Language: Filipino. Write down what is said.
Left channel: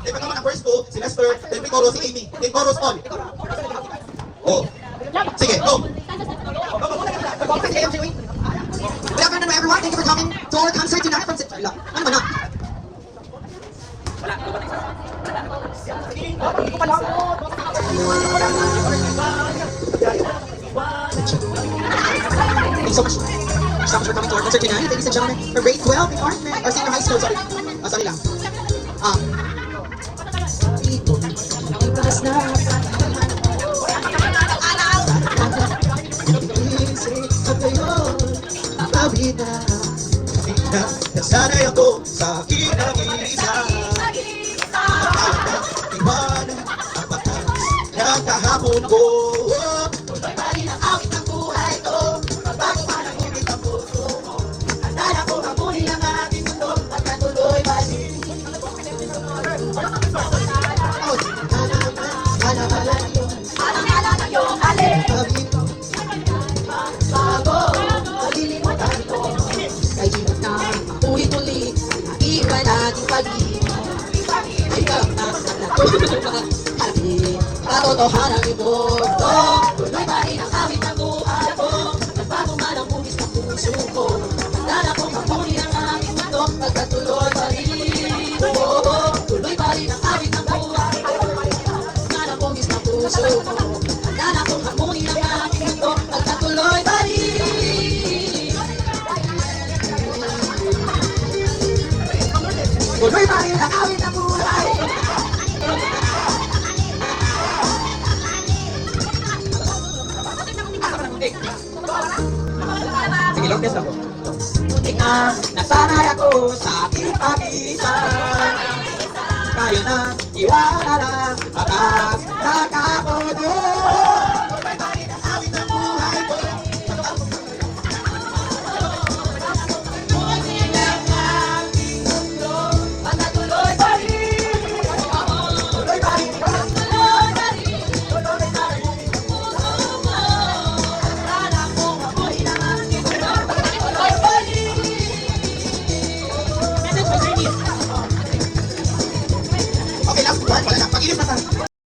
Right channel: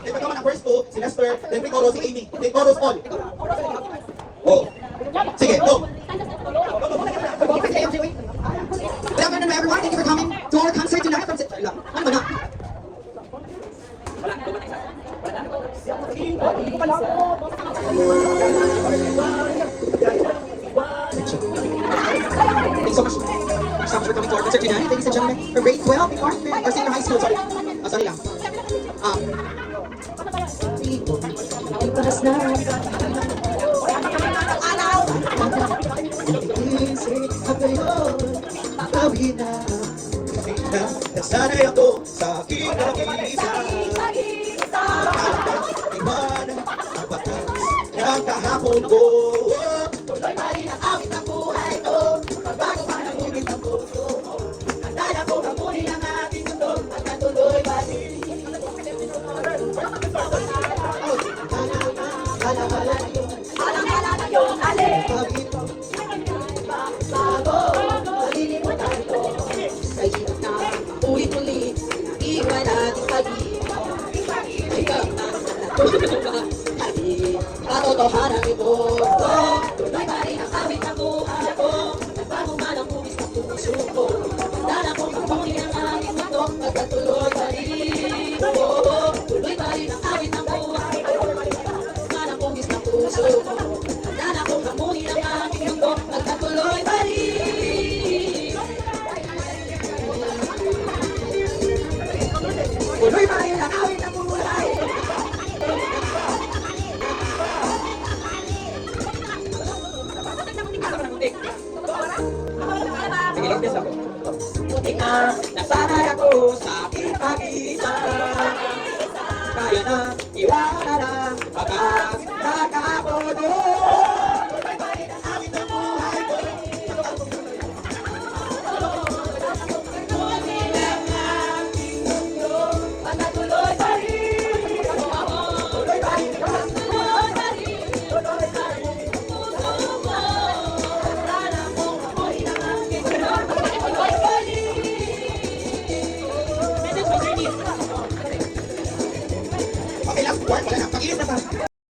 Then pagkaman ang verse 2, si Lester, then pre-chorus si Amy. Then chorus all. Oh. Sige, go. Good afternoon, everyone. Thank you for coming to our concert tonight from September. Ano ba na? Thank you so much. Stop for coming to our concert tonight. Ladies and gentlemen, from grade 12 in North or senior high school, sorry. Sorry lang. Itaas na. Nasanay ako sa aking nag-iisa. Iwanan ang batas ng kahapon ko. Tuloy pa rin ang awit ng buhay ko. Bago pa ng ulit ang puso mo. Handa na ko hamunin ang ating mundo at natuloy pa rin. Halang-hala na yung alin. Bago, malilimutan ko. Kay hirap na ulit-ulit. Naiwan natin pag-ibig. May kaptas na natulog. Katotohanan ito. Tuloy pa rin ang awit ng buhay ko. Magbago man ang bugis ng puso ko. Handa na kong hamunin ang aking mundo. Magkatuloy pa rin. Tuloy pa rin ang awit ng buhay ko. Magbago ang bugis ng puso ko. Handa na kong hamunin ang aking mundo. Magkatuloy pa rin. Tuloy pa rin ang awit ng buhay ko. Sige, long dance ako. Muntik na nasanay ako sa aking pag-iisa. Kaya na iwanan ang batas na kahapon ko. Tuloy pa rin ang awit ng buhay ko. Pagkatuloy pa rin. Tuloy pa rin. Tuloy pa rin. Tuloy pa rin. Okay lang, wala lang. Pag-ilim na tayo.